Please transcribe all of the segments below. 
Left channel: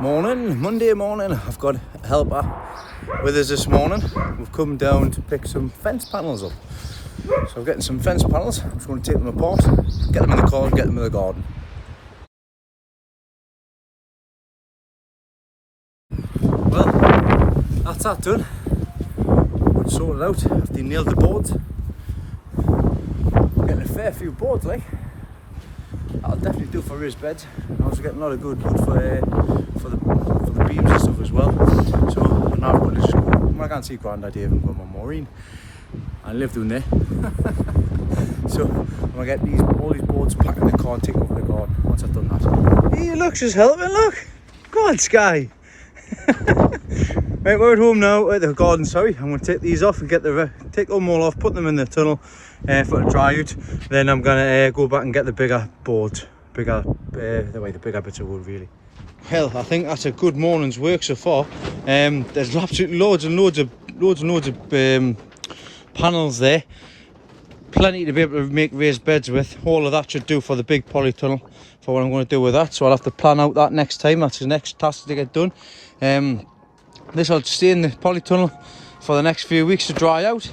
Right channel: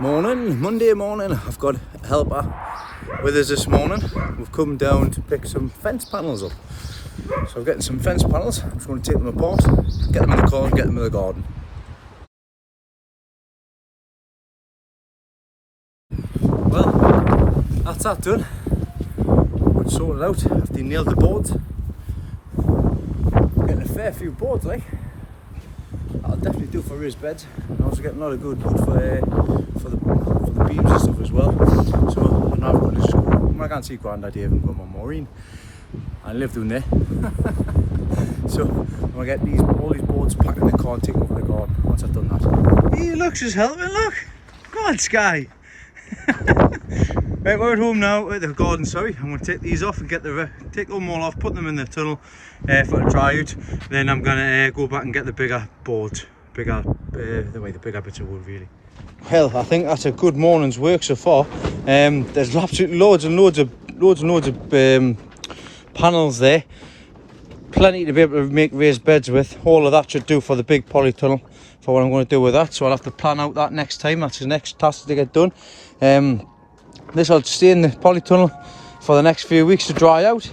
Morning, Monday morning. I've got a helper with us this morning. We've come down to pick some fence panels up. So I'm getting some fence panels. I'm just going to take them apart, get them in the car and get them in the garden. Well, that's that done. Got sorted out. I've nailed the boards. Getting a fair few boards, like. That'll definitely do for raised beds. I'm also getting a lot of good wood for the beams and stuff as well. So now I've got this screw. I can't see Grandad here, I've got my Maureen. I live down there. So I'm gonna get all these boards packed in the car and take over the garden once I've done that. Hey, look, she's helping, look! Go on, Sky! Right, we're at home now, at the garden, sorry. I'm going to take these off and take them all off, put them in the tunnel for a dry out. Then I'm going to go back and get the bigger boards, the bigger bits of wood really. Well, I think that's a good morning's work so far. There's absolutely loads and loads of panels there. Plenty to be able to make raised beds with. All of that should do for the big polytunnel for what I'm going to do with that. So I'll have to plan out that next time. That's the next task to get done. This will stay in the polytunnel for the next few weeks to dry out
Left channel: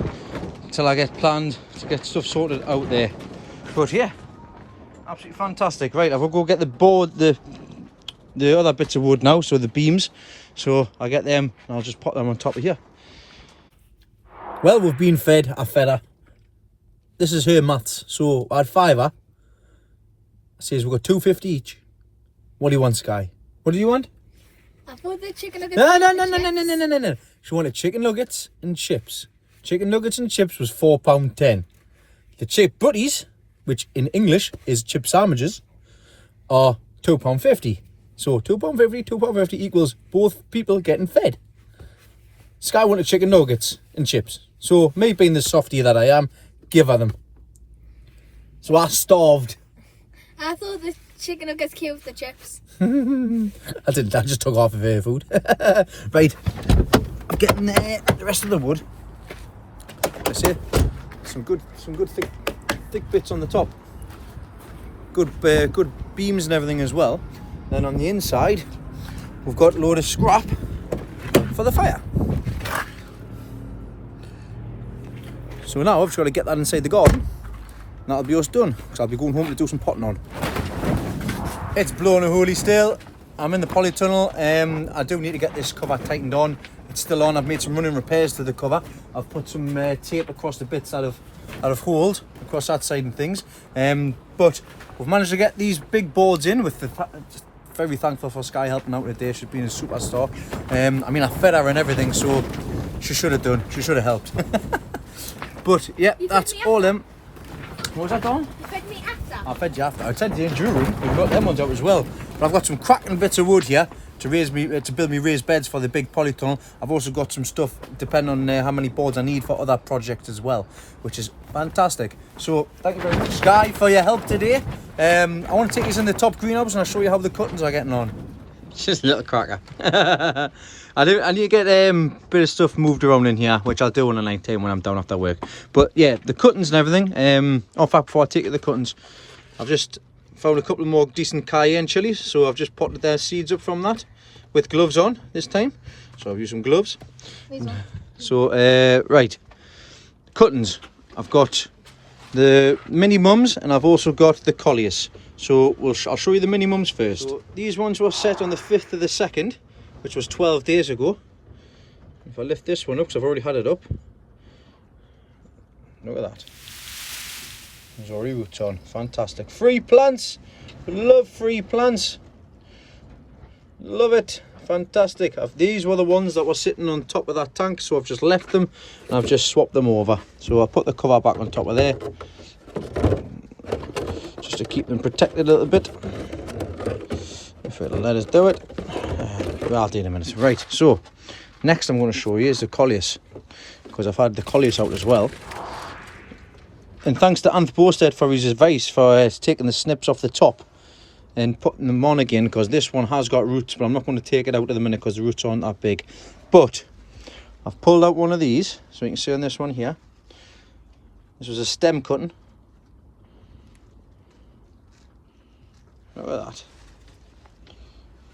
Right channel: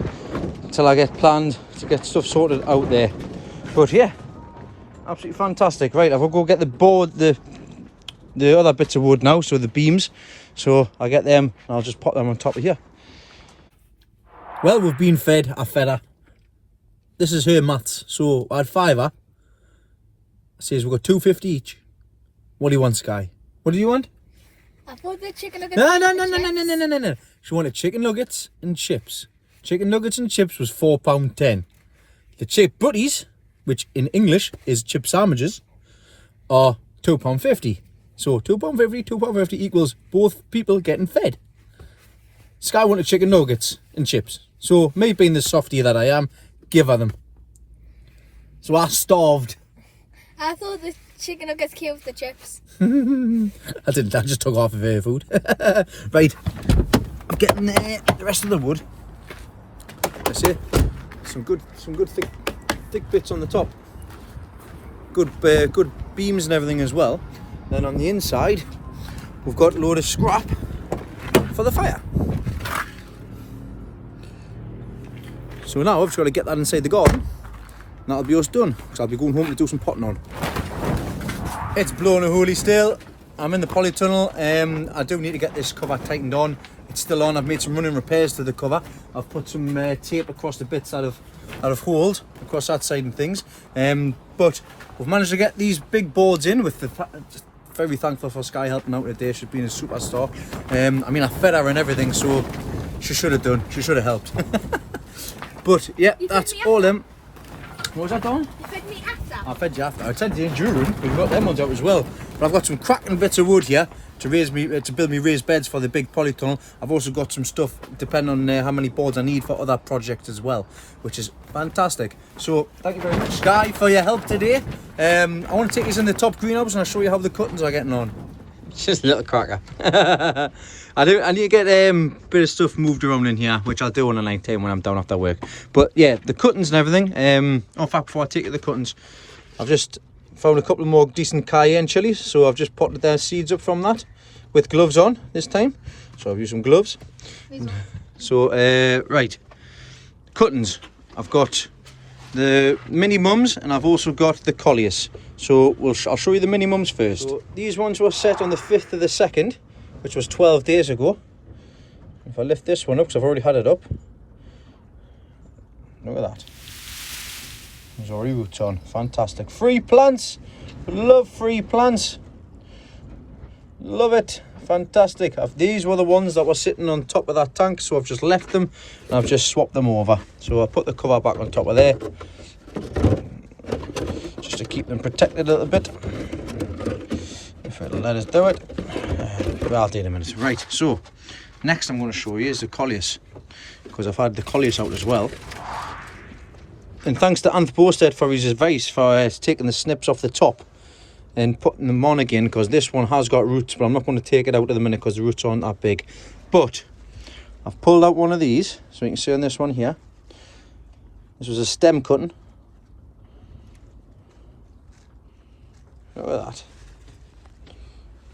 until I get planned to get stuff sorted out there. But yeah, absolutely fantastic. Right, I'll go get the board, the other bits of wood now, so the beams. So I'll get them and I'll just pop them on top of here. Well, we've been fed. I fed her. This is her maths. So I had fiver. Says we've got $2.50 each. What do you want, Sky? What do you want? I thought the chicken nuggets. No. She wanted chicken nuggets and chips. Chicken nuggets and chips was £4.10. The chip butties, which in English is chip sandwiches, are £2.50. So £2.50 equals both people getting fed. Sky wanted chicken nuggets and chips. So me being the softie that I am, give her them. So I starved. I thought the chicken nuggets came with the chips. I just took half of her food. Right, I'm getting the rest of the wood. I see some good thick bits on the top. Good beams and everything as well. Then on the inside, we've got a load of scrap for the fire. So now I've just got to get that inside the garden. And that'll be us done. Because I'll be going home to do some potting on. It's blowing a holy still. I'm in the polytunnel. I do need to get this cover tightened on. It's still on. I've made some running repairs to the cover. I've put some tape across the bits that have holed across that side and things. But we've managed to get these big boards in with just very thankful for Sky helping out today. She's been a superstar. I mean, I fed her and everything, so she should have done. She should have helped. But yeah, that's all them. What was that, Dawn? You fed me after. I fed you after. I said you in your room. We've got them ones out as well. But I've got some cracking bits of wood here to build me raised beds for the big polytunnel. I've also got some stuff depending on how many boards I need for other projects as well, which is fantastic. So thank you very much, Sky, for your help today. I want to take you in the top greenhouse and I'll show you how the cuttings are getting on. It's just a little cracker. I need to get a bit of stuff moved around in here, which I'll do on a night time when I'm down after work. But yeah, the cuttings and everything. In fact, before I take you the cuttings, I've just found a couple more decent cayenne chilies, so I've just potted their seeds up from that with gloves on this time. So I've used some gloves. So right, cuttings. I've got the mini mums and I've also got the colliers. So I'll show you the mini mums first. So these ones were set on the 5th of the 2nd. Which was 12 days ago. If I lift this one up, because I've already had it up. Look at that. There's already roots on. Fantastic. Free plants. Love free plants. Love it. Fantastic. These were the ones that were sitting on top of that tank, so I've just left them and I've just swapped them over. So I'll put the cover back on top of there. Just to keep them protected a little bit. If it'll let us do it. I'll do it in a minute. Right, so next I'm going to show you is the colliers, because I've had the colliers out as well. And thanks to Anth Bosted for his advice for taking the snips off the top and putting them on again, because this one has got roots, but I'm not going to take it out at the minute because the roots aren't that big. But I've pulled out one of these, so you can see on this one here. This was a stem cutting. Look at that.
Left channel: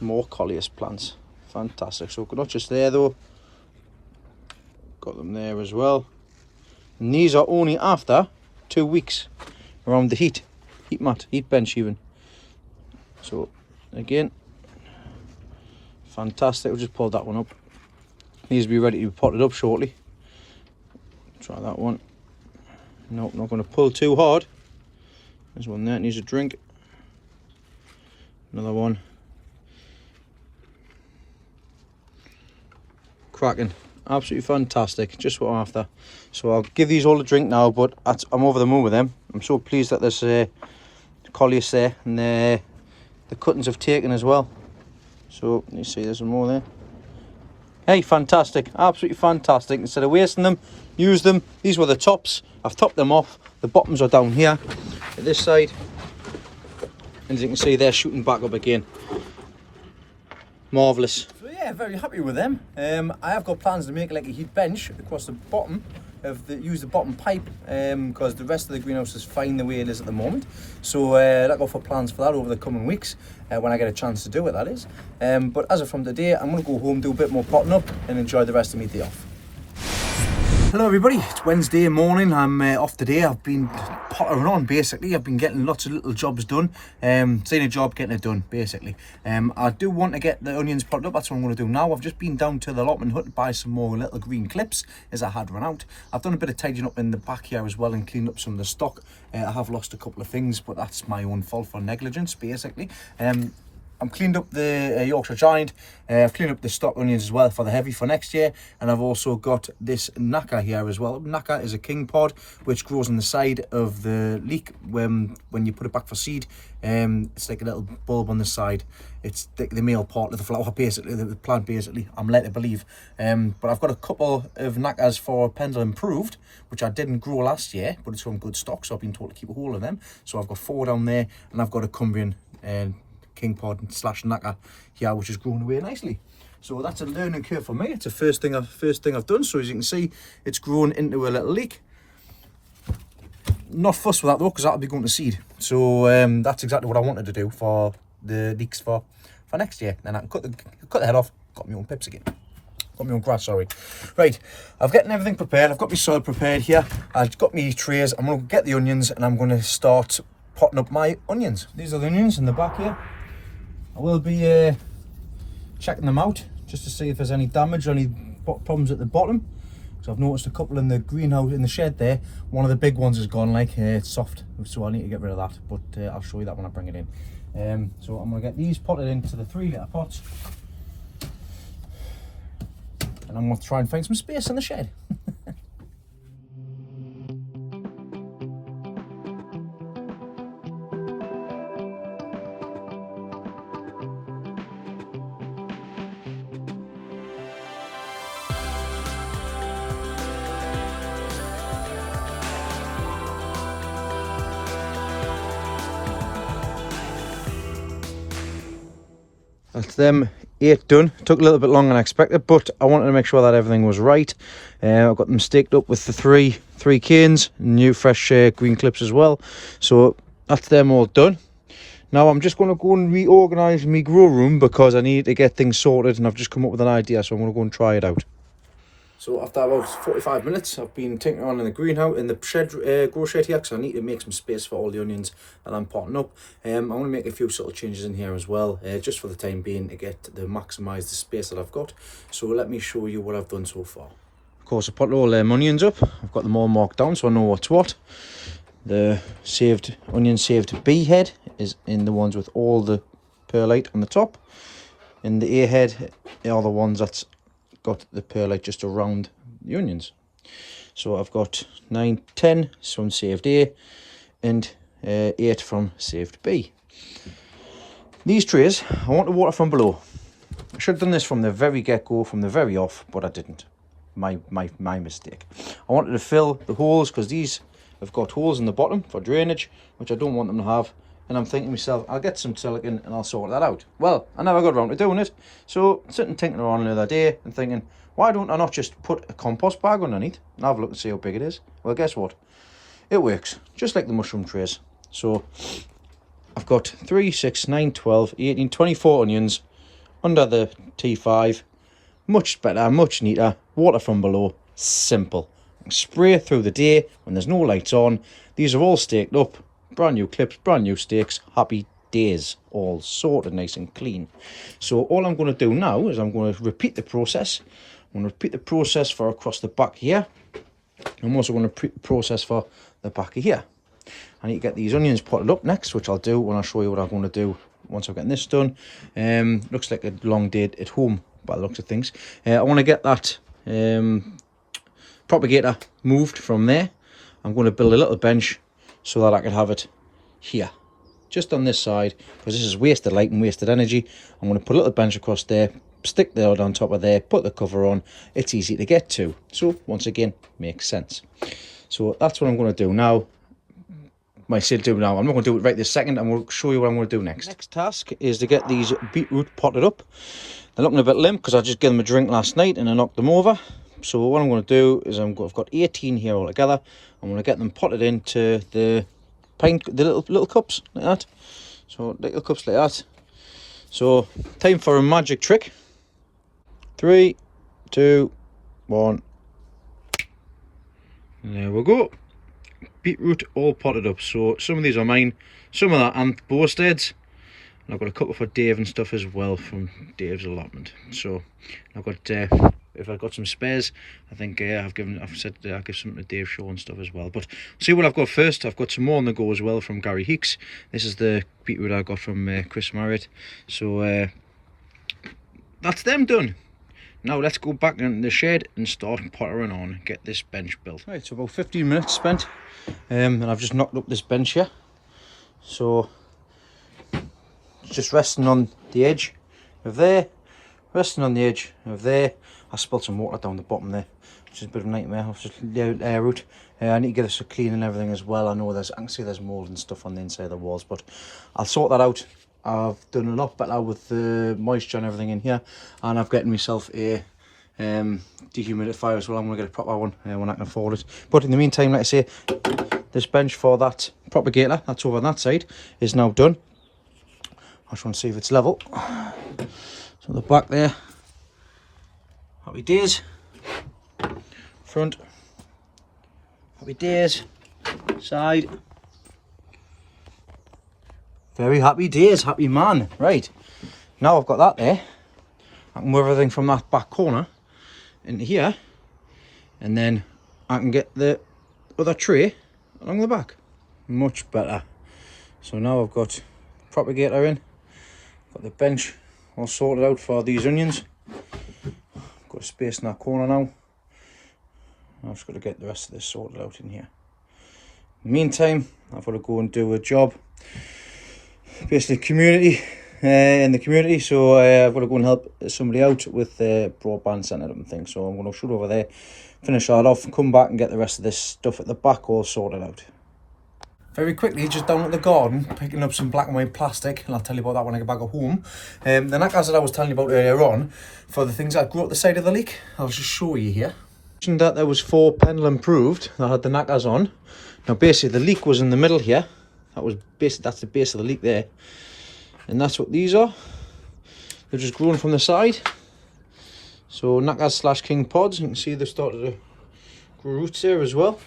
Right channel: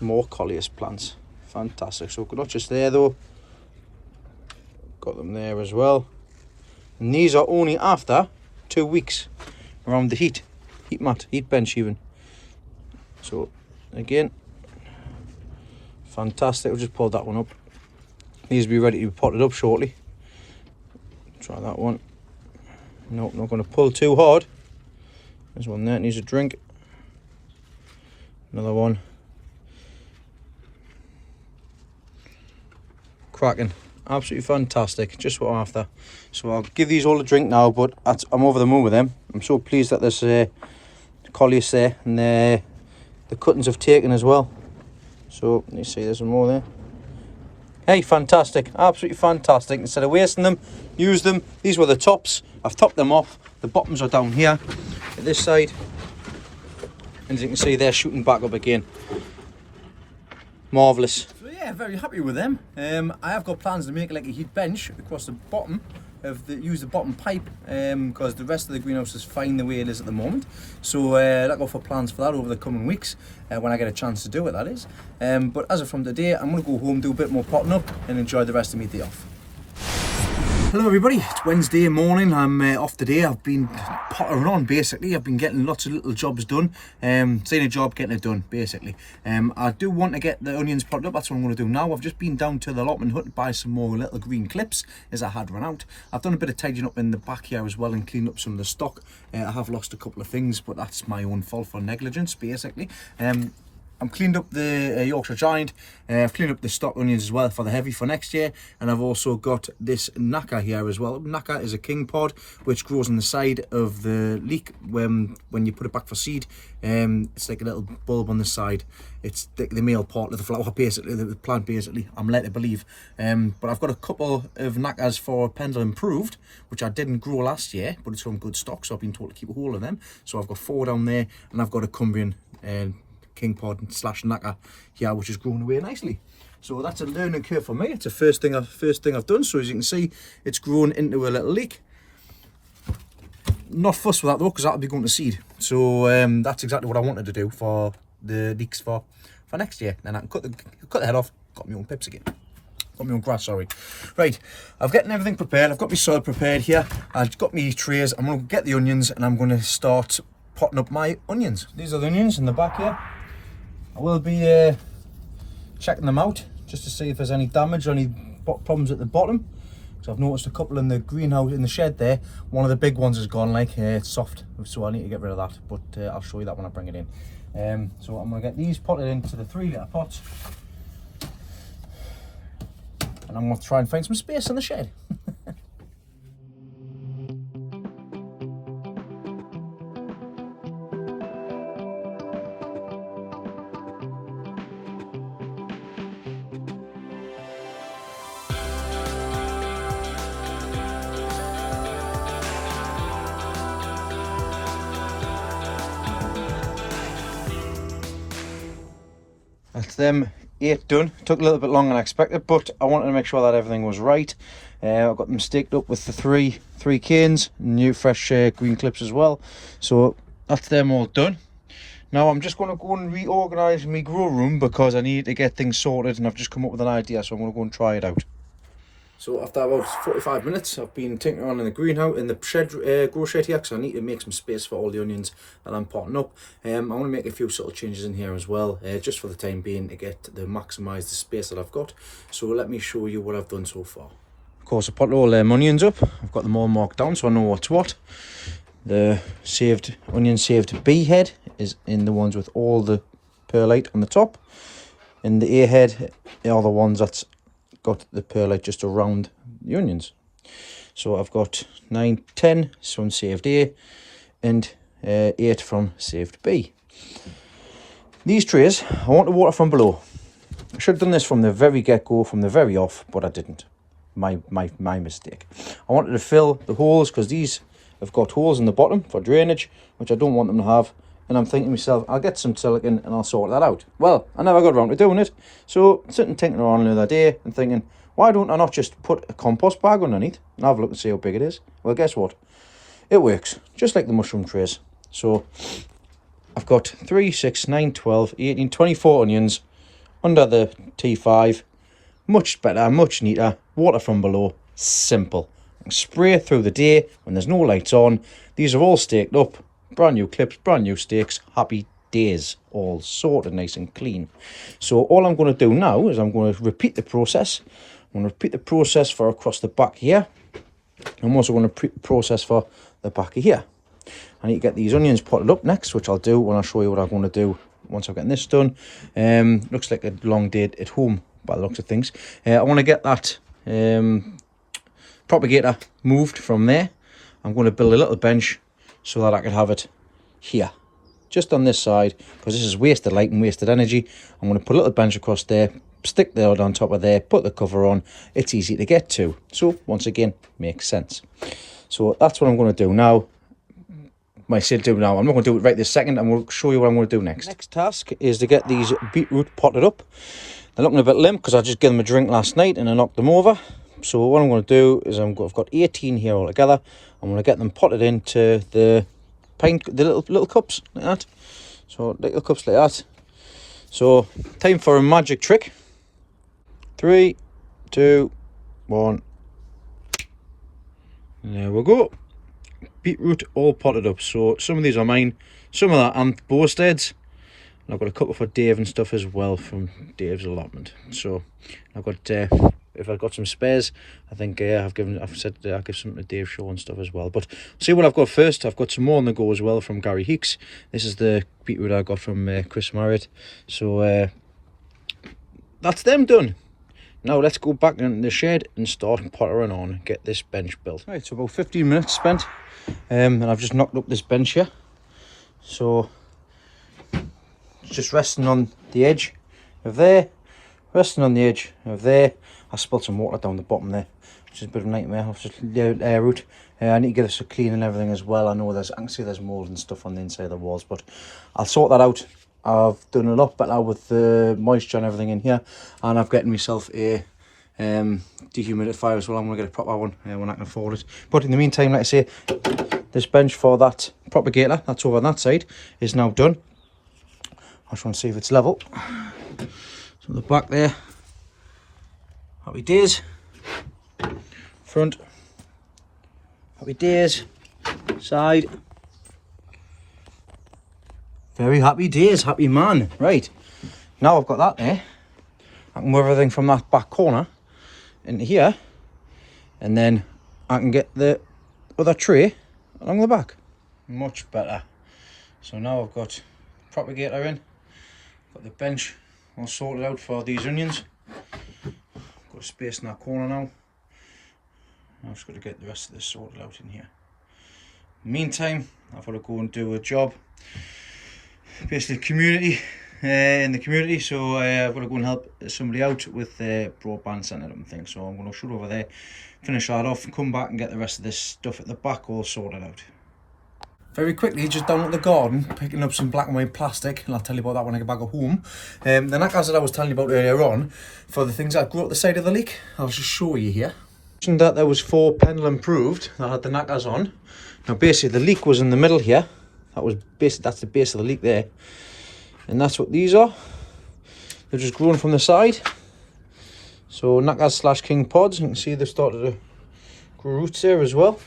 More coleus plants. Fantastic. So not just there though. Got them there as well. And these are only after 2 weeks around the heat mat, heat bench even. So again, fantastic. We'll just pull that one up. These will be ready to be potted up shortly. Try that one. Nope, not going to pull too hard. There's one there, needs a drink. Another one. Cracking. Absolutely fantastic. Just what I'm after. So I'll give these all a drink now, but I'm over the moon with them. I'm so pleased that there's coleus there, and the cuttings have taken as well. So you see there's some more there. Hey, fantastic. Absolutely fantastic. Instead of wasting them, use them. These were the tops. I've topped them off. The bottoms are down here at this side. And as you can see, they're shooting back up again. Marvellous. So yeah, very happy with them. I have got plans to make like a heat bench across the bottom use the bottom pipe because the rest of the greenhouse is fine the way it is at the moment. So look out for plans for that over the coming weeks when I get a chance to do it, that is. But as of from today, I'm going to go home, do a bit more potting up and enjoy the rest of my day off. Hello everybody, it's Wednesday morning. I'm off today. I've been pottering on basically. I've been getting lots of little jobs done. Seeing a job, getting it done basically. I do want to get the onions potted up. That's what I'm going to do now. I've just been down to the allotment hut to buy some more little green clips as I had run out. I've done a bit of tidying up in the back here as well and cleaned up some of the stock. I have lost a couple of things, but that's my own fault for negligence basically. I've cleaned up the Yorkshire Giant. I've cleaned up the stock onions as well for the heavy for next year. And I've also got this Knacker here as well. Knacker is a king pod which grows on the side of the leek when you put it back for seed. It's like a little bulb on the side. It's the male part of the flower basically, the plant basically, I'm led to believe. But I've got a couple of Knackers for Pendle Improved, which I didn't grow last year, but it's from good stock, so I've been told to keep a hold of them. So I've got 4 down there, and I've got a Cumbrian king pod / Knacker here, which is growing away nicely. So that's a learning curve for me. It's the first thing I've done. So as you can see, it's grown into a little leek. Not fussed with that though, because that'll be going to seed. So that's exactly what I wanted to do for the leeks for next year. Then I can cut the head off. Got my own pips again. Got my own grass, sorry. Right, I've getting everything prepared. I've got my soil prepared here. I've got my trays. I'm going to get the onions and I'm going to start potting up my onions. These are the onions in the back here. I will be checking them out just to see if there's any damage or any problems at the bottom. So I've noticed a couple in the greenhouse, in the shed there. One of the big ones has gone like, it's soft, so I need to get rid of that. But I'll show you that when I bring it in. So I'm going to get these potted into the 3-litre pots. And I'm going to try and find some space in the shed. That's them 8 done. Took a little bit longer than I expected, but I wanted to make sure that everything was right. I've got them staked up with the three canes, new fresh green clips as well. So that's them all done. Now I'm just going to go and reorganise my grow room because I need to get things sorted, and I've just come up with an idea, so I'm going to go and try it out. So after about 45 minutes, I've been tinkering on in the greenhouse, in the shed, grow shed here, because I need to make some space for all the onions that I'm potting up. I want to make a few subtle changes in here as well, just for the time being, to maximise the space that I've got. So let me show you what I've done so far. Of course, I potted all them onions up. I've got them all marked down, so I know what's what. The onion saved B head is in the ones with all the perlite on the top, and the A head are the ones that's got the perlite just around the onions. So I've got 9, 10 from saved A and 8 from saved B. These trays I want to water from below. I should have done this from the very get-go, from the very off, but I didn't. My mistake. I wanted to fill the holes because these have got holes in the bottom for drainage, which I don't want them to have. And I'm thinking to myself, I'll get some silicone and I'll sort that out. Well, I never got around to doing it. So sitting thinking around the other day and thinking, why don't I not just put a compost bag underneath and have a look and see how big it is? Well, guess what? It works, just like the mushroom trays. So I've got 3, 6, 9, 12, 18, 24 onions under the T5. Much better, much neater. Water from below, simple. Spray through the day when there's no lights on. These are all staked up. Brand new clips, brand new stakes. Happy days. All sorted nice and clean. So all I'm going to do now is I'm going to repeat the process. I'm going to repeat the process for across the back here. I'm also going to repeat the process for the back of here. I need to get these onions potted up next, which I'll do when I show you what I'm going to do once I've gotten this done. Looks like a long day at home by the looks of things. I want to get that propagator moved from there. I'm going to build a little bench so that I can have it here, just on this side, because this is wasted light and wasted energy. I'm going to put a little bench across there, stick the hood on top of there, put the cover on. It's easy to get to. So once again, makes sense. So that's what I'm going to do now. I'm not going to do it right this second. I'm going to show you what I'm going to do next. Next task is to get these beetroot potted up. They're looking a bit limp because I just gave them a drink last night and I knocked them over. So what I'm going to do is I've got 18 here all together. I'm going to get them potted into the little cups like that. So little cups like that. So time for a magic trick. 3, 2, 1. There we go. Beetroot all potted up. So some of these are mine, some of that aren't Bowsteads. And I've got a couple for Dave and stuff as well from Dave's allotment. So I've got if I've got some spares, I think I've said I'll give some to Dave Shaw and stuff as well. But see what I've got first. I've got some more on the go as well from Gary Heeks. This is the beetroot I got from Chris Marriott. So that's them done. Now let's go back in the shed and start pottering on and get this bench built. Right, so about 15 minutes spent, and I've just knocked up this bench here. So it's just resting on the edge of there, resting on the edge of there. I spilled some water down the bottom there, which is a bit of a nightmare. I've just air route. I need to get it clean and everything as well. I know I can see there's mould and stuff on the inside of the walls, but I'll sort that out. I've done a lot better with the moisture and everything in here, and I've gotten myself a dehumidifier as well. I'm going to get a proper one when I can afford it. But in the meantime, like I say, this bench for that propagator that's over on that side is now done. I just want to see if it's level. So the back there, happy days. Front, happy days. Side, very happy days, happy man. Right, now I've got that there, I can move everything from that back corner into here, and then I can get the other tray along the back. Much better. So now I've got propagator in, got the bench all sorted out for these onions. Got a space in that corner now. I've just got to get the rest of this sorted out in here. In the meantime, I've got to go and do a job, basically community, in the community. So I've got to go and help somebody out with the broadband centre and things. So I'm going to shoot over there, finish that off, come back and get the rest of this stuff at the back all sorted out. Very quickly, just down at the garden, picking up some black and white plastic, and I'll tell you about that when I get back at home. The knackers that I was telling you about earlier on, for the things that grew up the side of the leak, I'll just show you here. That there was 4 pendulum proved that had the knackers on. Now basically the leak was in the middle here. That's the base of the leak there, and that's what these are. They're just growing from the side. So knackers / king pods. You can see they've started to grow roots there as well.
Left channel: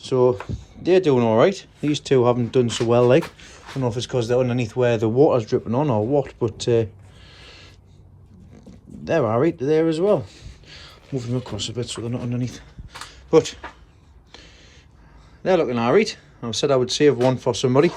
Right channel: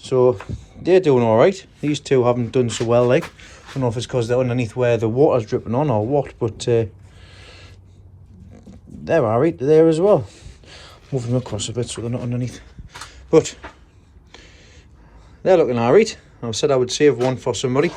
So they're doing all right. These two haven't done so well. Like, I don't know if it's because they're underneath where the water's dripping on or what, but they're all right there as well. Moving them across a bit so they're not underneath, but they're looking all right. I said I would save one for somebody.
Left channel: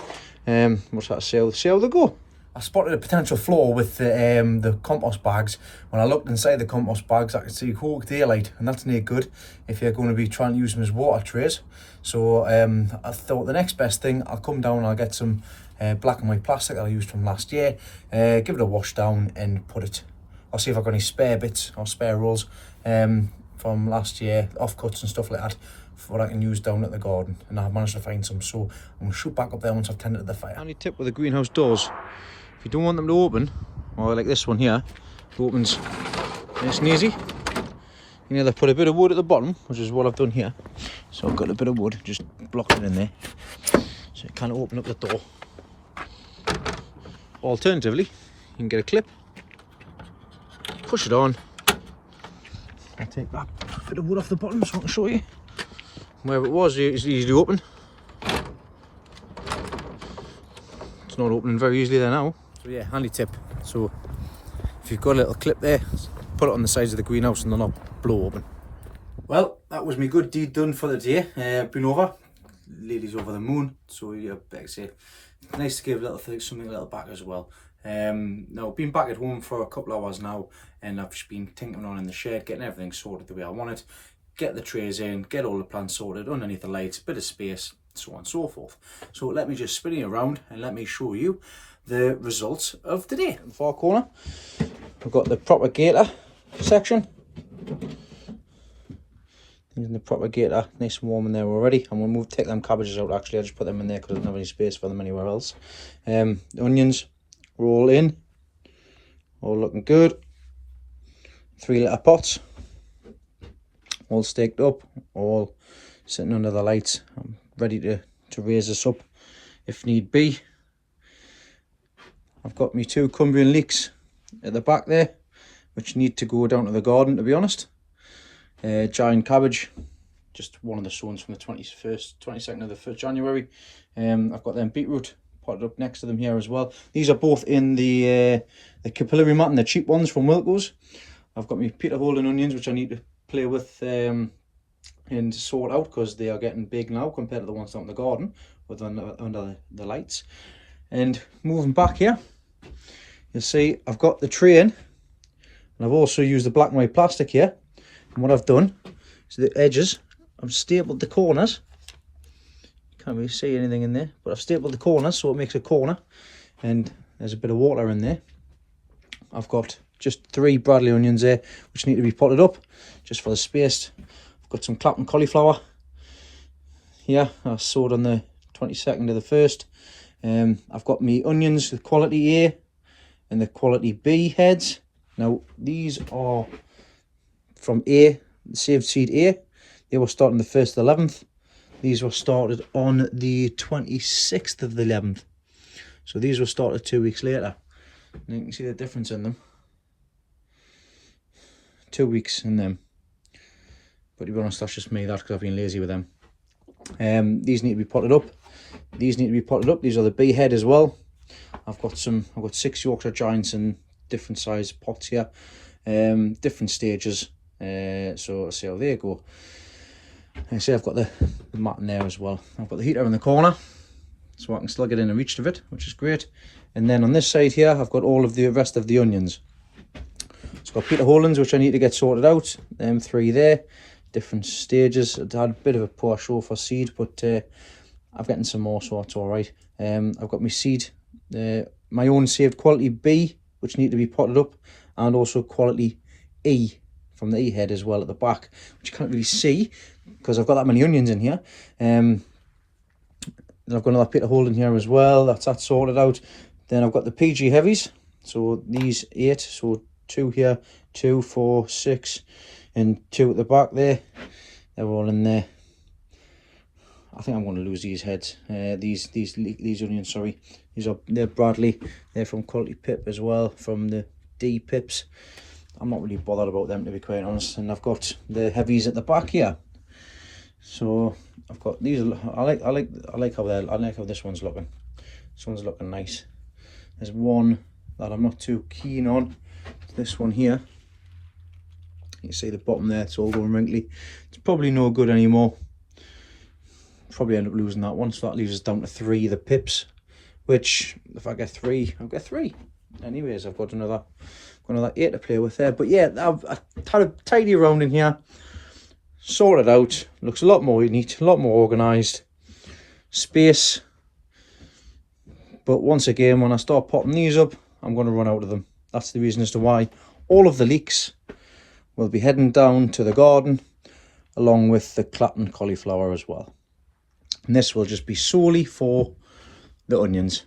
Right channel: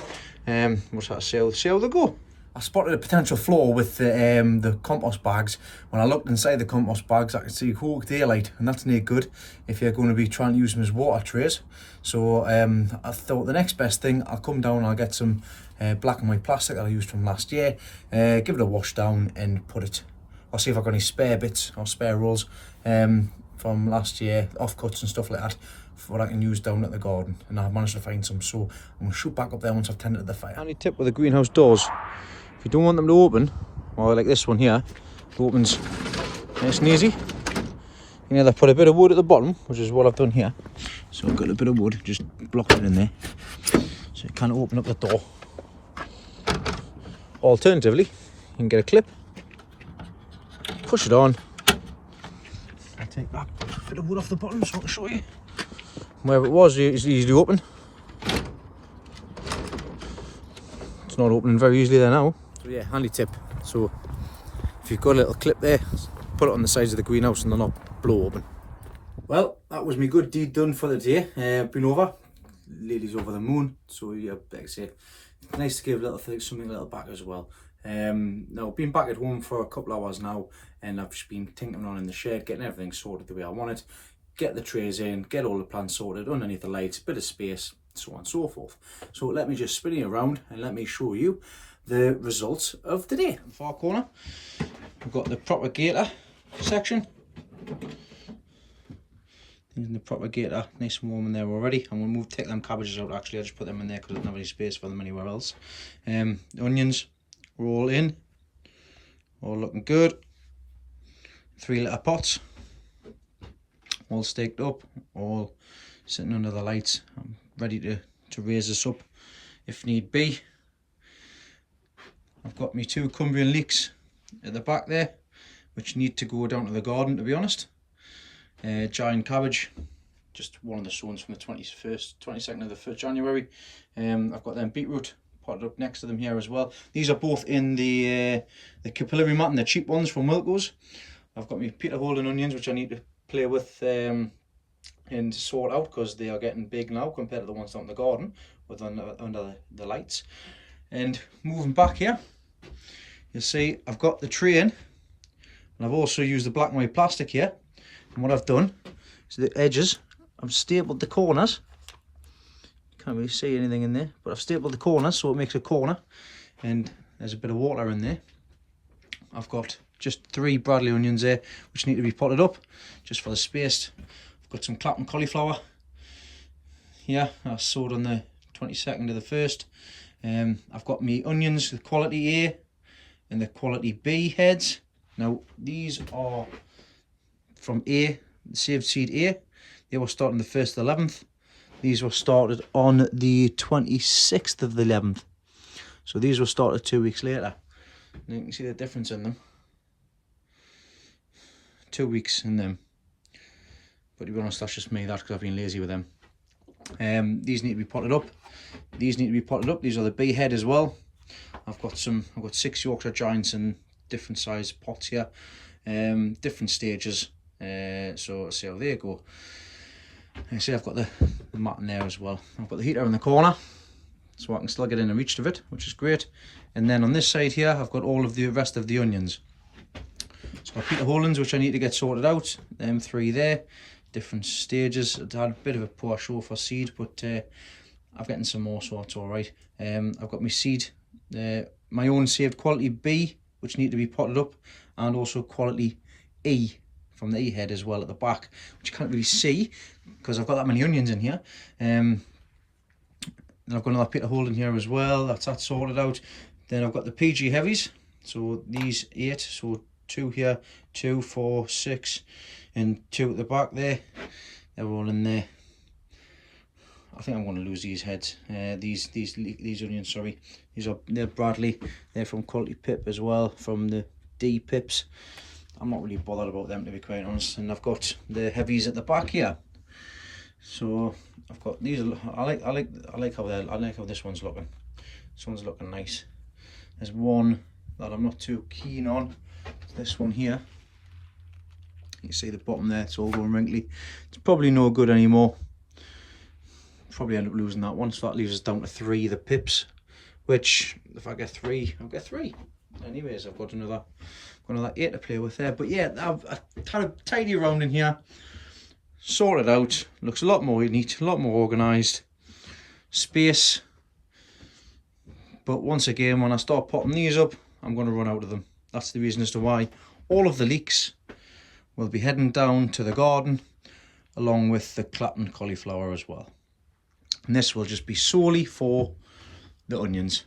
What's that? See how they go. I spotted a potential flaw with the compost bags. When I looked inside the compost bags, I could see cold daylight, and that's no good if you're going to be trying to use them as water trays. So I thought the next best thing, I'll come down and I'll get some black and white plastic that I used from last year, give it a wash down and put it. I'll see if I've got any spare bits or spare rolls from last year, offcuts and stuff like that, for what I can use down at the garden, and I've managed to find some. So I'm going to shoot back up there once I've tended the fire. Handy tip with the greenhouse doors: if you don't want them to open, or like this one here, it opens nice and easy. You either put a bit of wood at the bottom, which is what I've done here. So I've got a bit of wood, just blocked it in there, so it can't open up the door. Alternatively, you can get a clip, push it on. I'll take that bit of wood off the bottom so I can show you. Where it was, it's easily open. It's not opening very easily there now. So yeah, handy tip. So if you've got a little clip there, put it on the sides of the greenhouse and they'll not blow open. Well, that was my good deed done for the day. Been over. Ladies over the moon. So yeah, like I say, it's nice to give a little thing, something a little back as well. Now been back at home for a couple of hours now, and I've just been tinkering on in the shed, getting everything sorted the way I want it. Get the trays in, get all the plants sorted underneath the lights, bit of space, so on and so forth. So let me just spin it around and let me show you the results of the day. In the far corner, I've got the propagator section. Using the propagator, nice and warm in there already. I'm going to take them cabbages out actually. I just put them in there because I don't have any space for them anywhere else. The onions are all in, all looking good. 3 litre pots, all staked up, all sitting under the lights. I'm ready to raise this up if need be. I've got my 2 Cumbrian leeks at the back there, which need to go down to the garden, to be honest. Giant cabbage, just one of the sows from the 22nd of the 1st January. I've got them beetroot potted up next to them here as well. These are both in the capillary mat and the cheap ones from Wilco's. I've got my Peter Holden onions, which I need to play with and sort out because they are getting big now compared to the ones down in the garden with under the lights. And moving back here, you'll see I've got the tray in, and I've also used the black and white plastic here. And what I've done is the edges, I've stapled the corners. Can't really see anything in there, but I've stapled the corners so it makes a corner, and there's a bit of water in there. I've got just 3 Bradley onions there which need to be potted up just for the space. I've got some Clapham cauliflower here, I sowed on the 22nd of the 1st. I've got my onions, the quality A and the quality B heads. Now these are from A, the saved seed A. They were starting the 1st of the 11th. These were started on the 26th of the 11th. So these were started 2 weeks later. And you can see the difference in them. 2 weeks in them. But to be honest, that's just me. That's because I've been lazy with them. These need to be potted up. These need to be potted up. These are the B head as well. I've got 6 Yorkshire Giants in different size pots here. Different stages. So let's see how they go. I see I've got the mat in there as well. I've got the heater in the corner, so I can still get in and reach of it, which is great. And then on this side here, I've got all of the rest of the onions. So I've got Peter Hollands, which I need to get sorted out. Them 3 there, different stages. I had a bit of a poor show for seed, but I'm getting some more, so it's all right. I've got my seed, my own saved quality B, which need to be potted up, and also quality E from the E head as well at the back, which you can't really see because I've got that many onions in here. Then I've got another Peter Holden here as well. That's sorted out. Then I've got the PG heavies. So these 8. So 2 here, 2, 4, 6, and 2 at the back there. They're all in there. I think I'm going to lose these heads. These onions. Sorry, they're Bradley. They're from Quality Pip as well, from the D pips. I'm not really bothered about them, to be quite honest. And I've got the heavies at the back here. So I've got these. I like how this one's looking. This one's looking nice. There's one that I'm not too keen on. This one here. You see the bottom there, it's all going wrinkly. It's probably no good anymore. Probably end up losing that one, so that leaves us down to 3 the pips, which if I get 3, I'll get 3. Anyways, I've got another 8 to play with there. But yeah, I've had a tidy around in here, sorted out, looks a lot more neat, a lot more organised, space. But once again, when I start popping these up, I'm going to run out of them. That's the reason as to why all of the leeks will be heading down to the garden, along with the Clapham cauliflower as well. And this will just be solely for the onions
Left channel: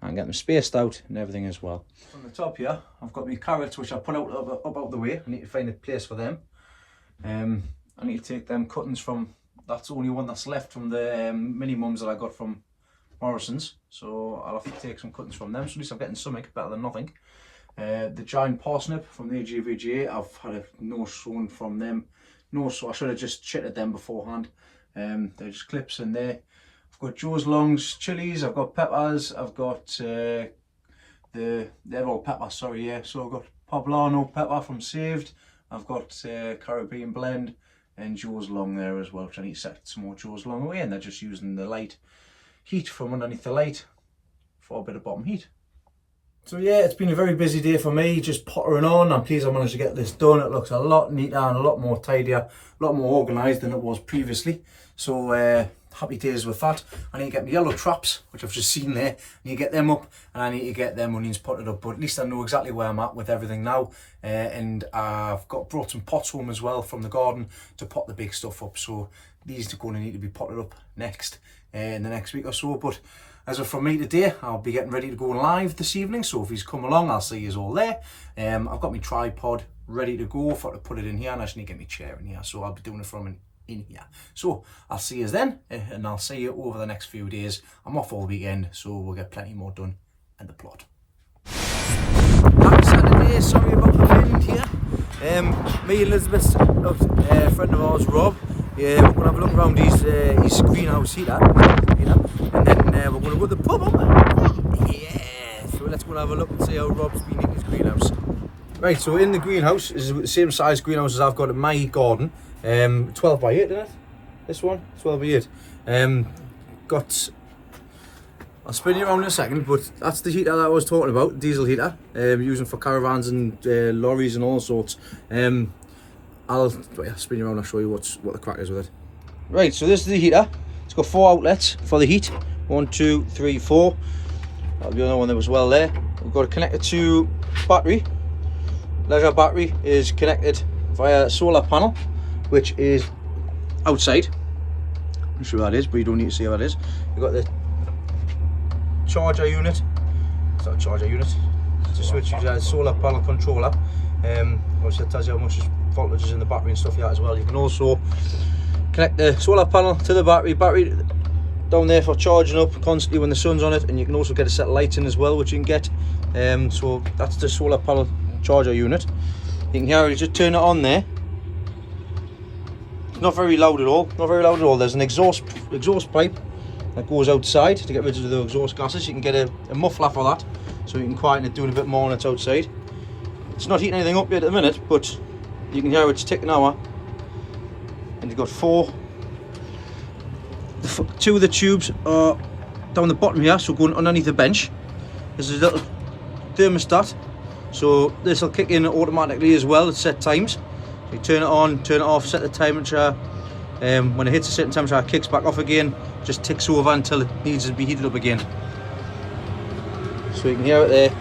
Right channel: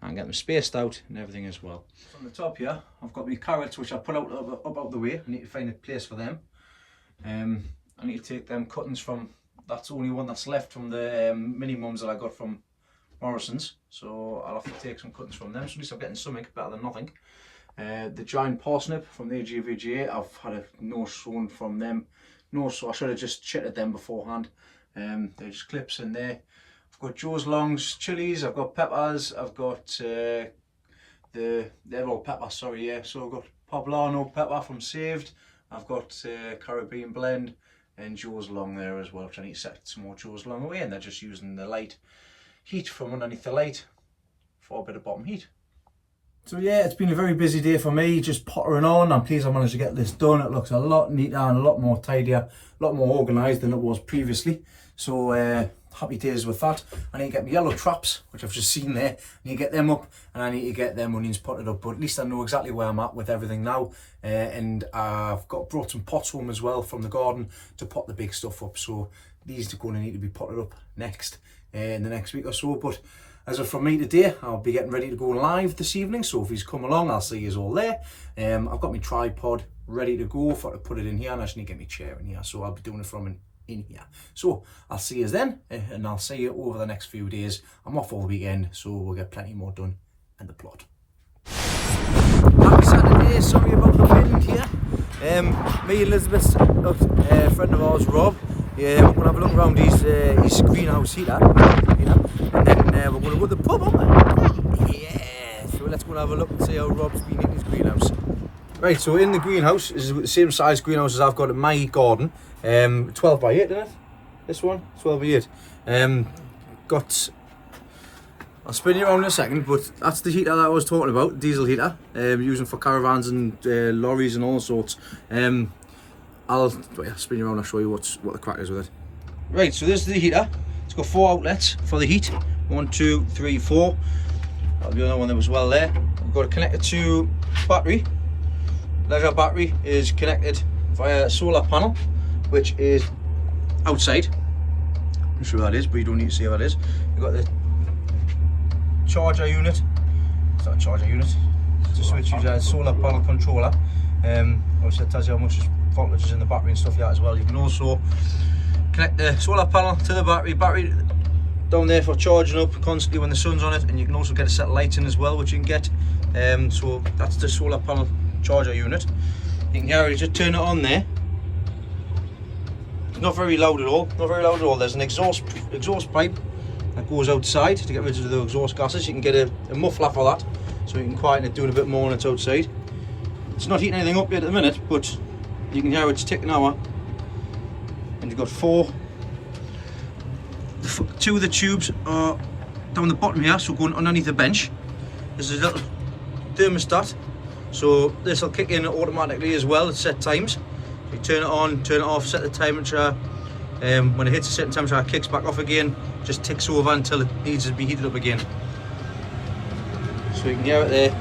and get them spaced out and everything as well. On the top here, I've got my carrots, which I put up out the way. I need to find a place for them. I need to take them cuttings from, that's the only one that's left from the mini mums that I got from Morrison's. So I'll have to take some cuttings from them. So at least I'm getting something better than nothing. The giant parsnip from the AGVGA, I've had a nose shown from them. No, so I should have just chitted them beforehand. They're just clips in there. I've got Joe's Longs chilies, I've got peppers, I've got they're all pepper, sorry, yeah. So I've got poblano pepper from Saved, I've got Caribbean blend, and Joe's Long there as well, which I need to set some more Joe's Long away, and they're just using the light heat from underneath the light for a bit of bottom heat. So yeah, it's been a very busy day for me, just pottering on. I'm pleased I managed to get this done. It looks a lot neater and a lot more tidier, a lot more organised than it was previously. So happy days with that. I need to get my yellow traps, which I've just seen there. I need to get them up, and I need to get them onions potted up. But at least I know exactly where I'm at with everything now. And I've brought some pots home as well from the garden to pot the big stuff up. So these are going to need to be potted up next in the next week or so. But as of from me today, I'll be getting ready to go live this evening. So if he's come along, I'll see you all there. I've got my tripod ready to go for to put it in here, and I just need to get my chair in here. So I'll be doing it from in here. So I'll see you then, and I'll see you over the next few days. I'm off all weekend, so we'll get plenty more done in the plot. Happy Saturday, sorry about the wind here. Me and Elizabeth, a friend of ours, Rob, we're going to have a look around his greenhouse heater, and then we're going to go to the pub, aren't we? Yeah, so let's go and have a look and see how Rob's been in his greenhouse. Right, so in the greenhouse is the same size greenhouse as I've got in my garden. 12 by 8, isn't it? This one, 12 by 8. I'll spin you around in a second, but that's the heater that I was talking about, diesel heater, using for caravans and lorries and all sorts. I'll spin you around, I'll show you what the crack is with it. Right, so this is the heater. It's got 4 outlets for the heat. 1, 2, 3, 4. That'll be another one that was well there. We've got it connected to battery. Leisure battery is connected via a solar panel, which is outside. I'm sure that is, but you don't need to see how that is. You've got the charger unit. It's not a charger unit. It's a switch uses a solar panel controller. Obviously it tells you how much voltage is in the battery and stuff like that as well. You can also connect the solar panel to the battery down there for charging up constantly when the sun's on it, and you can also get a set of lights in as well, which you can get. So that's the solar panel charger unit. You can hear it, just turn it on there. It's not very loud at all, There's an exhaust pipe that goes outside to get rid of the exhaust gases. You can get a muffler for that, so you can quieten it doing a bit more when it's outside. It's not heating anything up yet at the minute, but you can hear it's ticking hour. And you've got 2 of the tubes are down the bottom here, so going underneath the bench. There's a little thermostat, so this will kick in automatically as well at set times. So you turn it on, turn it off, set the temperature. When it hits a certain temperature, it kicks back off again, just ticks over until it needs to be heated up again. So you can hear it there.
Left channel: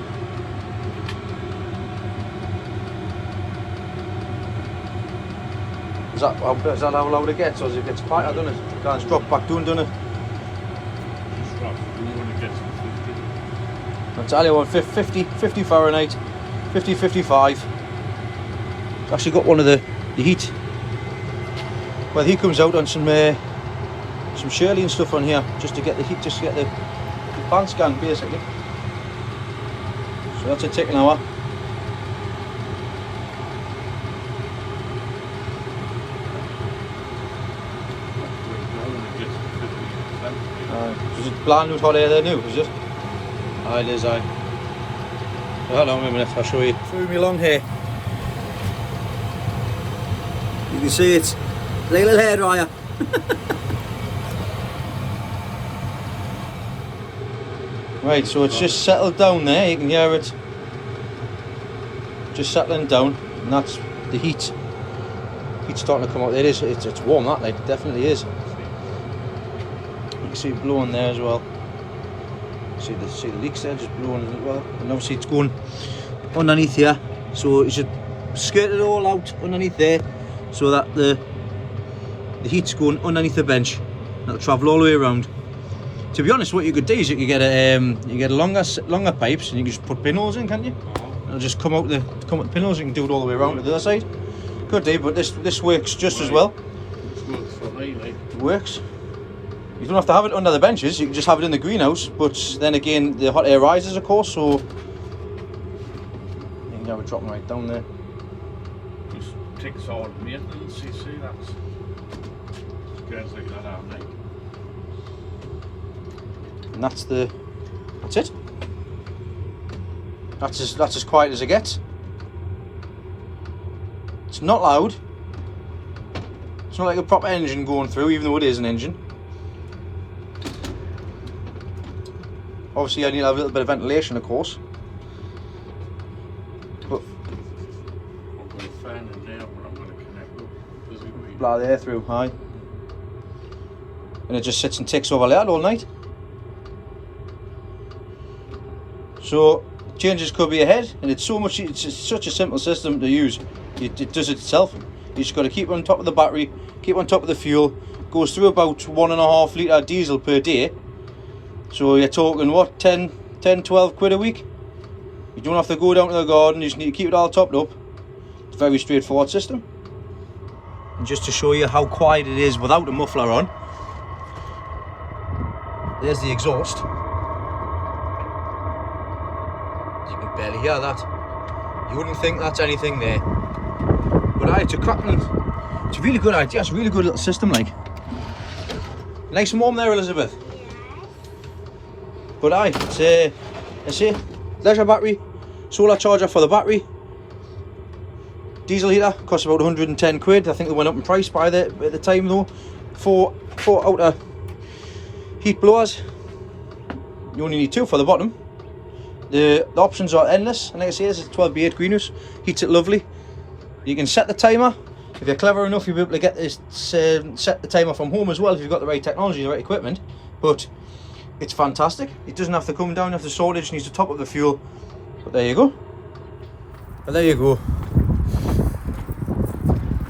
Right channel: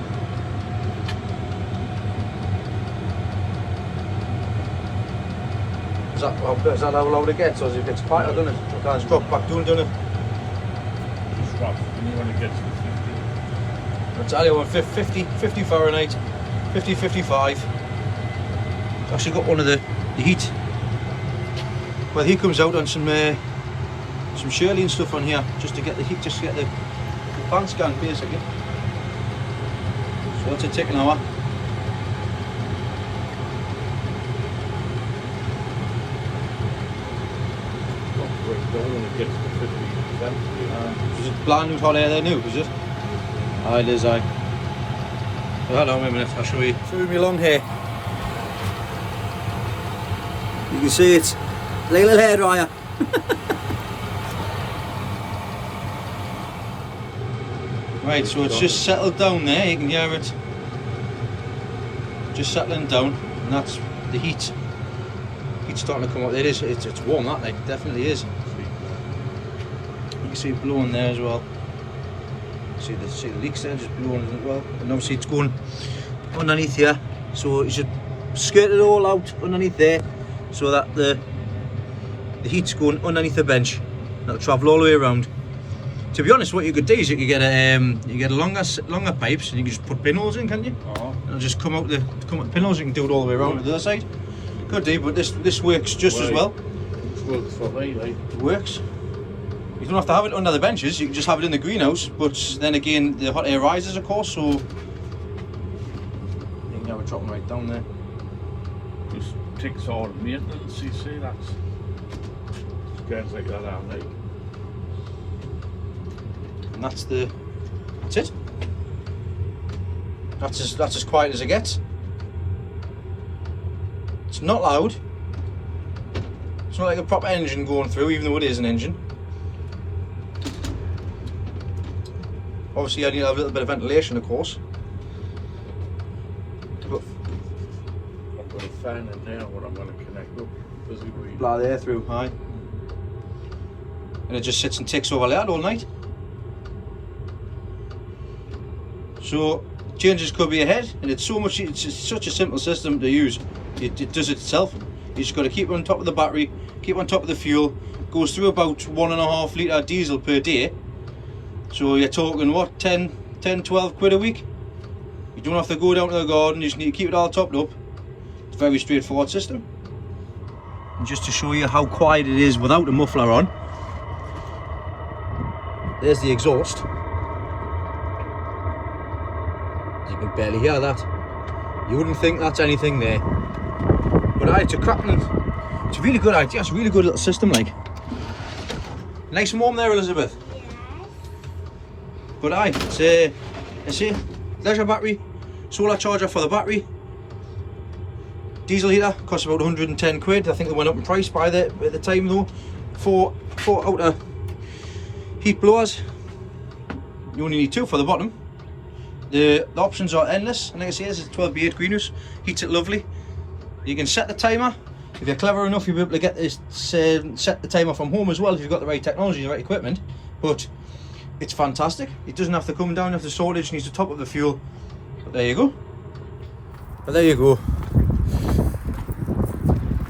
Is that how loud it gets, or does it get quieter, doesn't it? It can't drop back down, doesn't it? It's rough, and you want to get to 50. I'll tell you what, 50 Fahrenheit, 50, 55. Actually got one of the heat. Well, he comes out on some Shirley and stuff on here, just to get the heat, just to get the pan scan basically. So that's a tick an hour. Is it brand new hot air there new, is it? Aye, it is, aye. Hold on a minute, I'll show you. Through me long hair. You can see it's like a little hairdryer. Right, so it's just settled down there, you can hear it just settling down, and that's the heat. Heat's starting to come out. It's warm, that, like, it definitely is. You can see it blowing there as well. See the leaks there just blowing as well, and obviously it's going underneath here, so you should skirt it all out underneath there, so that the heat's going underneath the bench. That'll travel all the way around. To be honest, what you could do is you could get a longer pipes, and you can just put pinholes in, can't you? It'll just come out the pinholes. You can do it all the way around to the other side. Could do, but this works just as well. It works. You don't have to have it under the benches, you can just have it in the greenhouse, but then again the hot air rises, of course, so dropping right down there. Just ticks all maintenance, you see, that's guys like that, aren't they? And that's it. That's as quiet as it gets. It's not loud. It's not like a proper engine going through, even though it is an engine. Obviously I need to have a little bit of ventilation, of course. But I'm going to fan in there what I'm going to connect up. blow the air through, aye. And it just sits and ticks over there all night. So changes could be ahead, and it's such a simple system to use. It does it itself. You just got to keep on top of the battery, keep on top of the fuel. Goes through about 1.5 litre diesel per day. So you're talking what, 10, 12 quid a week? You don't have to go down to the garden, you just need to keep it all topped up. It's a very straightforward system. And just to show you how quiet it is without a muffler on, there's the exhaust. You can barely hear that. You wouldn't think that's anything there. But it's a cracking, it's a really good idea, it's a really good little system, like. Nice and warm there, Elizabeth. But it's a leisure battery, solar charger for the battery. Diesel heater costs about 110 quid. I think it went up in price at the time though. Four outer heat blowers. You only need 2 for the bottom. The options are endless, and like I say, this is a 12B8 greenhouse. Heats it lovely. You can set the timer. If you're clever enough, you'll be able to get this set the timer from home as well if you've got the right technology, the right equipment. But it's fantastic. It doesn't have to come down, have to sort it, just needs to top up the fuel. But there you go.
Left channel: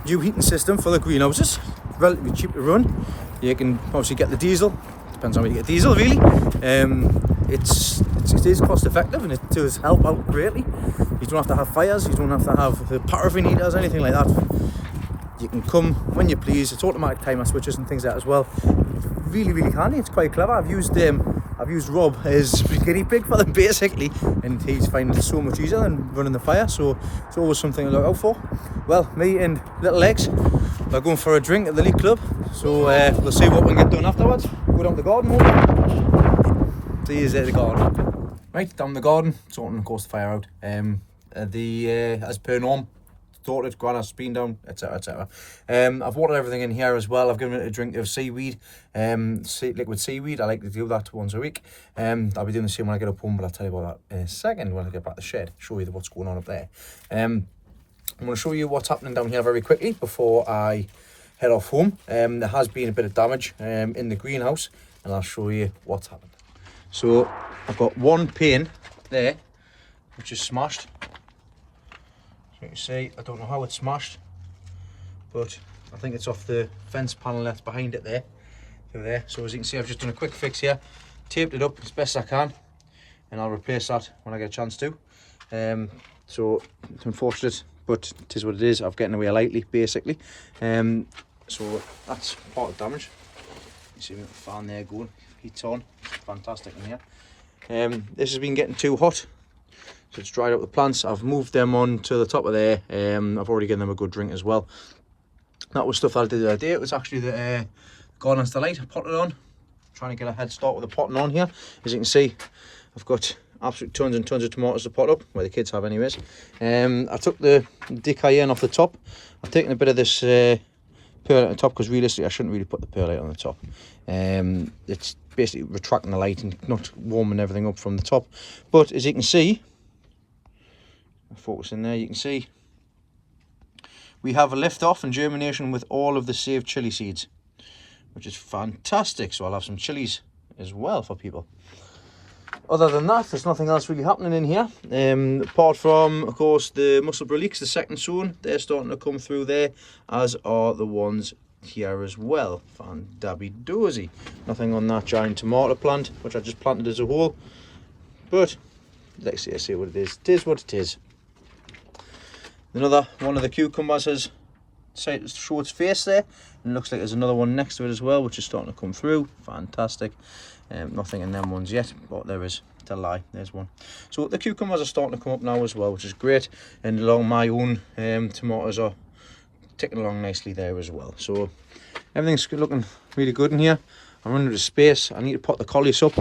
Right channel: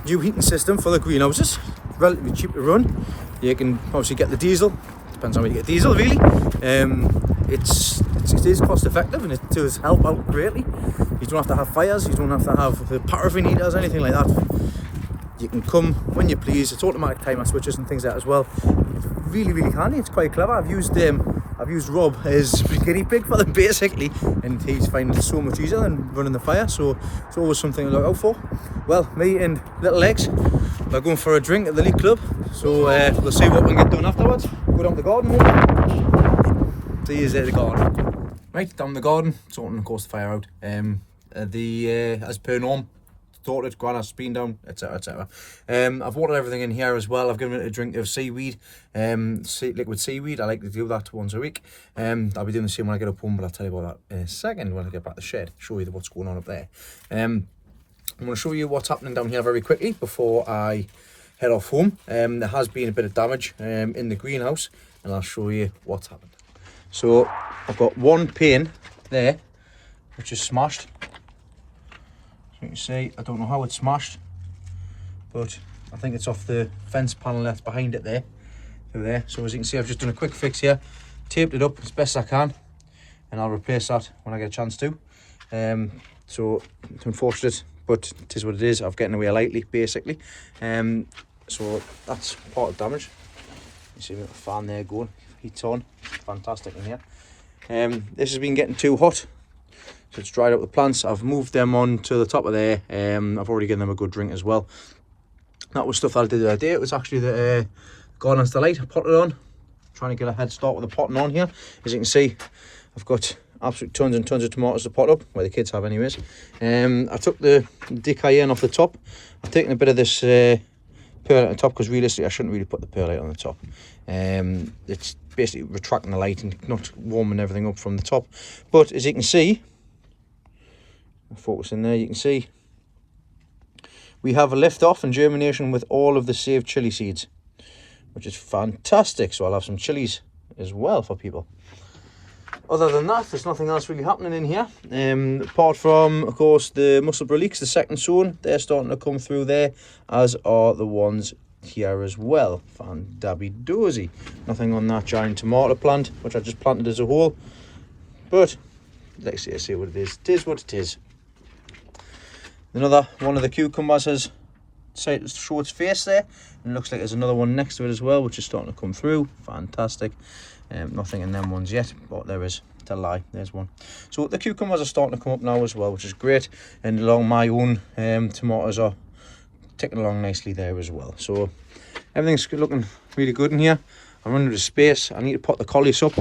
New heating system for the greenhouses. Relatively cheap to run. You can obviously get the diesel. Depends on where you get diesel, really. It is cost effective, and it does help out greatly. You don't have to have fires, you don't have to have paraffin heaters, anything like that. You can come when you please. It's automatic timer switches and things like that as well. Really, really handy. It's quite clever. I've used Rob as guinea pig for them basically, and he's finding it so much easier than running the fire. So it's always something to look out for. Well, me and little Legs are going for a drink at the League Club. So we'll see what we can get done afterwards. Go down to the garden, won't we? See you at the garden. Right, down the garden, sorting of course the fire out. As per norm, sorted, Grana's been down, etc, etc. I've watered everything in here as well. I've given it a drink of seaweed, liquid seaweed. I like to do that once a week. I'll be doing the same when I get up home, but I'll tell you about that in a second when I get back to the shed, show you what's going on up there. I'm going to show you what's happening down here very quickly before I head off home. There has been a bit of damage in the greenhouse, and I'll show you what's happened. So I've got one pane there which is smashed. So you can see, I don't know how it's smashed, but I think it's off the fence panel that's behind it there. So as you can see, I've just done a quick fix here, taped it up as best I can, and I'll replace that when I get a chance to. So it's unfortunate, but it is what it is. I've getting away lightly basically. So that's part of damage. You see the fan there going, heat's on, fantastic in here. This has been getting too hot, so it's dried out the plants. I've moved them on to the top of there. I've already given them a good drink as well. That was stuff that I did the other day. It was actually the Gardener's Delight. I potted on, trying to get a head start with the potting on here. As you can see, I've got absolute tons and tons of tomatoes to pot up, where the kids have anyways. I took the decayenne off the top. I've taken a bit of this perlite on the top, because realistically I shouldn't really put the perlite on the top. It's basically retracting the light and not warming everything up from the top. But as you can see, I'll focus in there, you can see we have a lift off and germination with all of the saved chilli seeds, which is fantastic. So I'll have some chilies as well for people. Other than that, there's nothing else really happening in here, apart from, of course, the Musselburgh leeks, the second sown. They're starting to come through there, as are the ones here as well. Fan-dabby-dozy. Nothing on that giant tomato plant, which I just planted as a whole. But let's see what it is. It is what it is. Another one of the cucumbers has decided to show its face there, and it looks like there's another one next to it as well, which is starting to come through. Fantastic. Nothing in them ones yet, but there is. To lie, there's one. So the cucumbers are starting to come up now as well, which is great. And along my own tomatoes are ticking along nicely there as well. So everything's looking really good in here. I'm running out of space. I need to pot the collies up,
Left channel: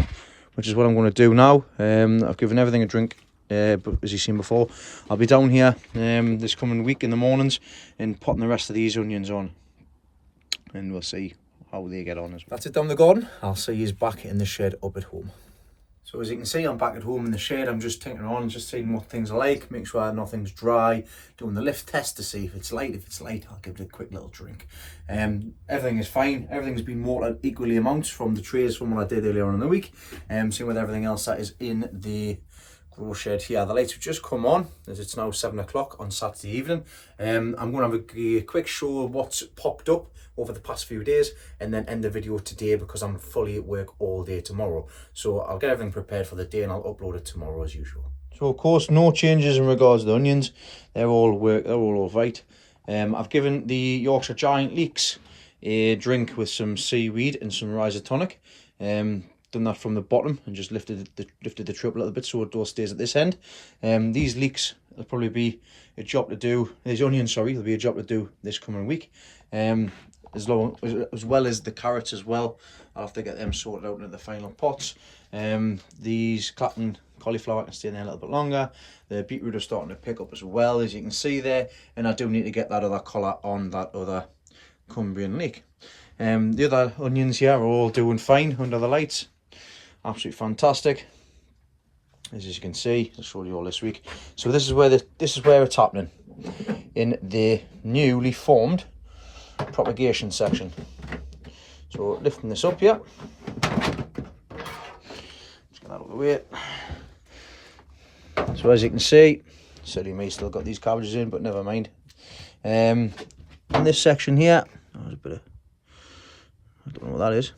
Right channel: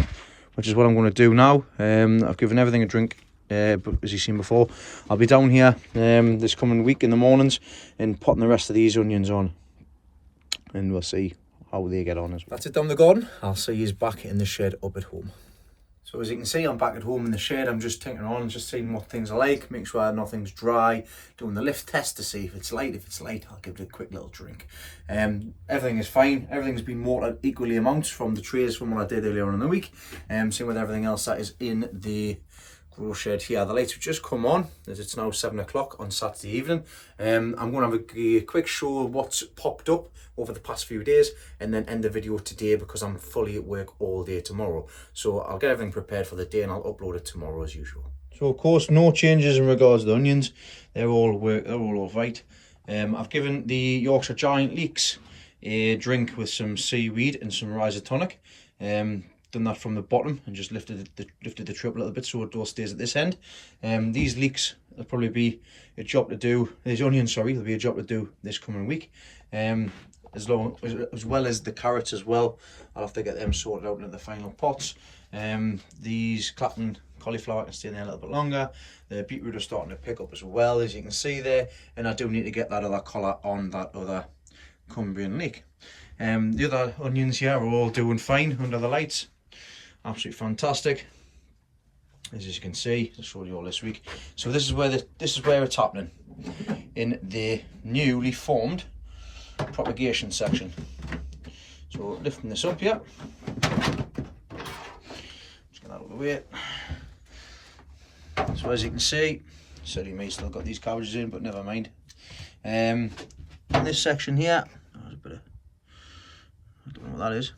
which is what I'm going to do now. I've given everything a drink, but as you've seen before, I'll be down here this coming week in the mornings and potting the rest of these onions on, and we'll see how they get on as well. That's it down the garden. I'll see you back in the shed up at home. So as you can see, I'm back at home in the shed. I'm just tinkering on, just seeing what things are like, make sure nothing's dry, doing the lift test to see if it's light. If it's light, I'll give it a quick little drink. Everything is fine. Everything's been watered equally amounts from the trays from what I did earlier on in the week. Same with everything else that is in the grow shed here. The lights have just come on as it's now 7 o'clock on Saturday evening. I'm going to have a quick show of what's popped up over the past few days and then end the video today because I'm fully at work all day tomorrow. So I'll get everything prepared for the day and I'll upload it tomorrow as usual. So of course no changes in regards to the onions. They're all right. I've given the Yorkshire Giant Leeks a drink with some seaweed and some risotonic. Done that from the bottom and just lifted the trip a little bit so it all stays at this end. These leeks will probably be a job to do. These onions, sorry, will be a job to do this coming week. As well as the carrots as well. I'll have to get them sorted out into the final pots. These Clapton cauliflower can stay in there a little bit longer. The beetroot are starting to pick up as well, as you can see there. And I do need to get that other colour on that other Cumbrian leek. The other onions here are all doing fine under the lights. Absolutely fantastic. As you can see, I'll show you all this week. So this is where it's happening in the newly formed propagation section. So lifting this up here, just get that out of the way. So as you can see, silly me, still got these cabbages in, but never mind. In this section here, there's a bit of, I don't know what that is.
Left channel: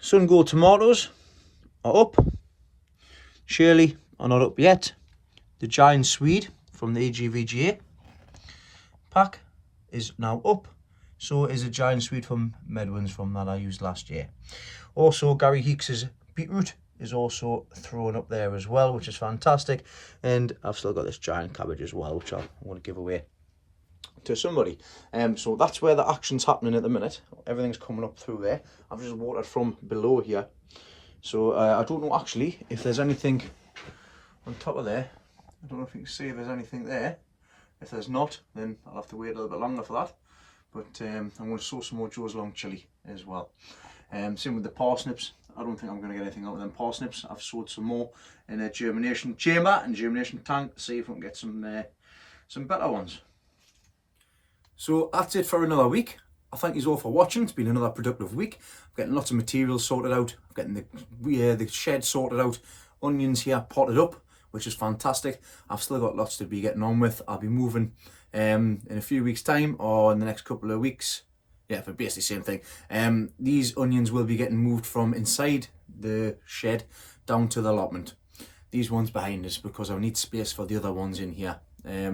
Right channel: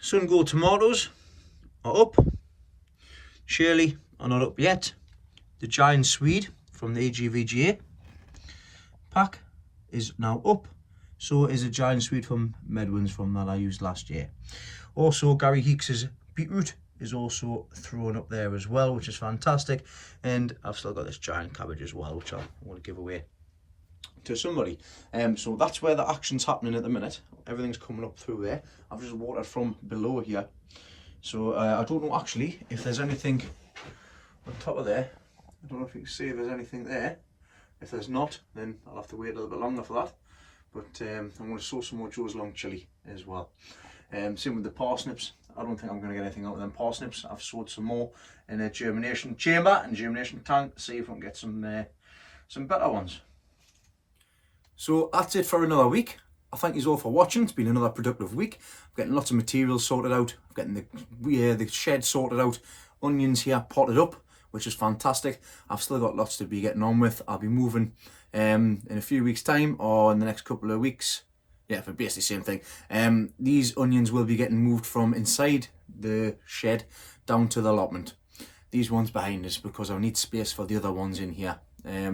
Sun Gold tomatoes are up. Shirley are not up yet. The Giant Swede from the AGVGA pack is now up. So is a Giant Swede from Medwin's from that I used last year. Also Gary Heeks' beetroot is also thrown up there as well, which is fantastic. And I've still got this giant cabbage as well, which I want to give away to somebody. So that's where the action's happening at the minute. Everything's coming up through there. I've just watered from below here. So I don't know actually if there's anything on top of there. I don't know if you can see if there's anything there. If there's not, then I'll have to wait a little bit longer for that. But I'm going to sow some more Joe's Long Chili as well. Same with the parsnips. I don't think I'm going to get anything out of them parsnips. I've sowed some more in a germination chamber and germination tank. See if we can get some better ones. So that's it for another week. I thank you all for watching. It's been another productive week. I'm getting lots of materials sorted out. I'm getting the shed sorted out. Onions here potted up, which is fantastic. I've still got lots to be getting on with. I'll be moving in a few weeks' time or in the next couple of weeks. Yeah, for basically the same thing. These onions will be getting moved from inside the shed down to the allotment. These ones behind us because I need space for the other ones in here.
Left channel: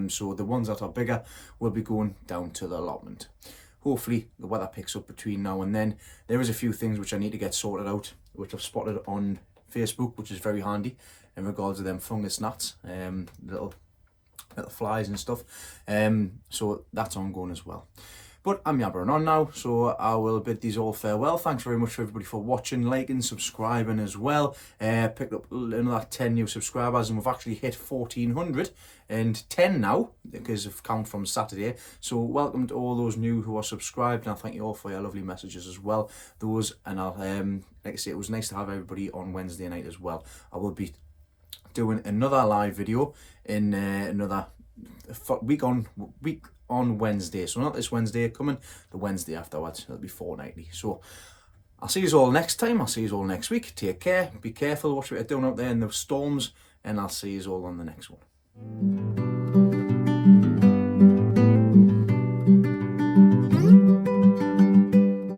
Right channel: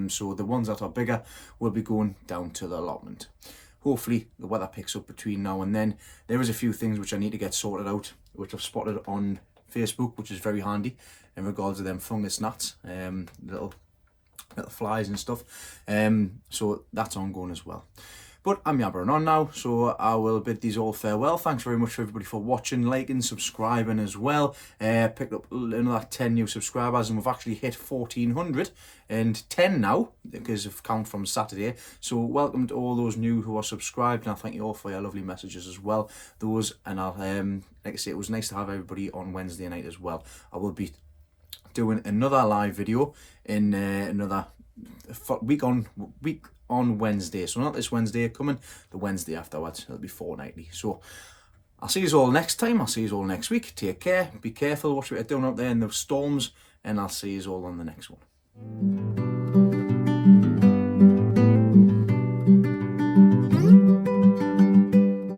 So the ones that are bigger will be going down to the allotment. Hopefully the weather picks up between now and then. There is a few things which I need to get sorted out, which I've spotted on Facebook, which is very handy in regards to them fungus gnats, little flies and stuff. So that's ongoing as well. But I'm yabbering on now, so I will bid these all farewell. Thanks very much for everybody for watching, liking, subscribing as well. Picked up another 10 new subscribers and we've actually hit 1,410 now because of count from Saturday. So welcome to all those new who are subscribed, and I thank you all for your lovely messages as well. And I'll like I say, it was nice to have everybody on Wednesday night as well. I will be doing another live video in another week on Wednesday. So not this Wednesday coming, the Wednesday afterwards. It'll be fortnightly. So I'll see you all next time. I'll see you all next week. Take care. Be careful. Watch what you're doing out there in the storms. And I'll see you all on the next one.